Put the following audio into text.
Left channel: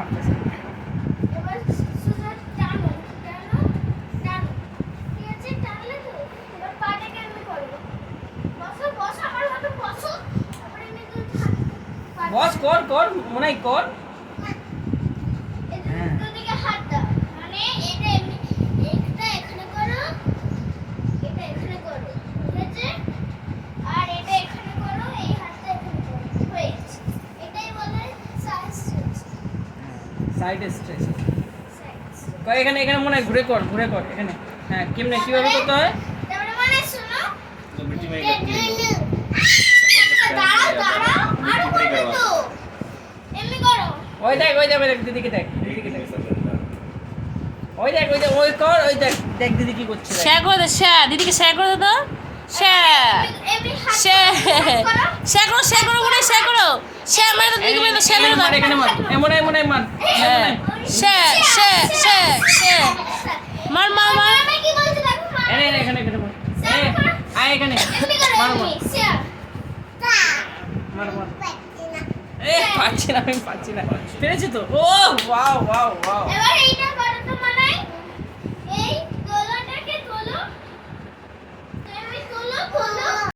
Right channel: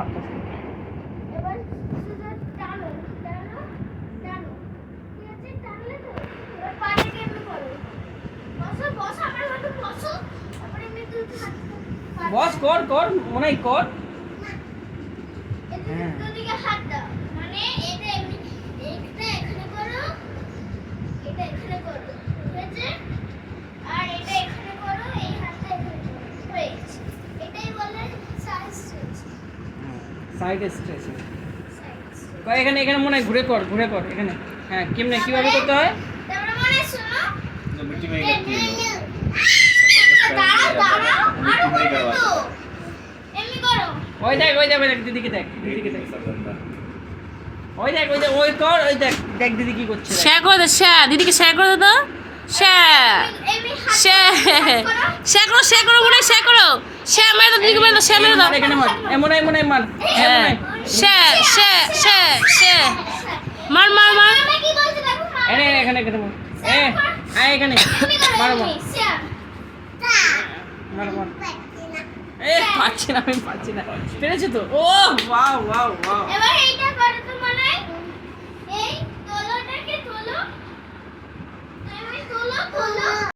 পারতেছে না। এবার শুধু টানো টানো টানো, ঠিক আছে? টানলে তো এবার পায়ে কেমনে করো, বসো বসো আমার হাতে বসো, তারপরে এমনি তুই হাত বস কর কর মনে হয় কর। হ্যাঁ। দুদিকে হাত দাও, মানে এটা এমনি, এটা এখানে করো, এটা এখানে করো, ঠিক আছে? আর এটা এখানে করো, এই হাতটা এখানে করো, হয়ে গেছে। এটাই বলে সাইড স্ট্রেচ। Side stretch. এখানে এখানে মনে হয় ঘুরে কর ঘুরে কর এখানে। হ্যাঁ কেমনে কিভাবে করতে হয়? তারপরে মানে শোনো, तो मिट्टी में ही करती है लोग। দাঁড়াও দাঁড়াও, আরো করবে তো, এমনি করো। ওই দেখ ওই দেখ ওই দেখ দিদিকে দেখ দিদিকে দেখ ওই দেখ ওই কর ওই দেখ দেখ দিদি কি করছে দেখ। শেয়ার করে দে, শেয়ার দিদিকে শেয়ার করে দে তো। শেয়ার এমনি হাত শেয়ার করো। শেয়ার করো, শেয়ার করো, মনে শেয়ার করো, শেয়ার মেরে দাও, দিদিকে মেরে দাও, শেয়ার মেরে দাও। এখানে মার এমন এমন মার হ্যাঁ শেয়ার শেয়ার শেয়ার শেয়ার মার মার মার। আমি কি বলছি দেখো, এখানে এখানে এখানে মার আয় এখানে এমনি করো, মারো এমনি শেয়ার। মারো মারো পাচ্ছি না আমি পাচ্ছি না পেরেছি তো ও ওয়াও ওয়াও ওয়াও এবার এইটা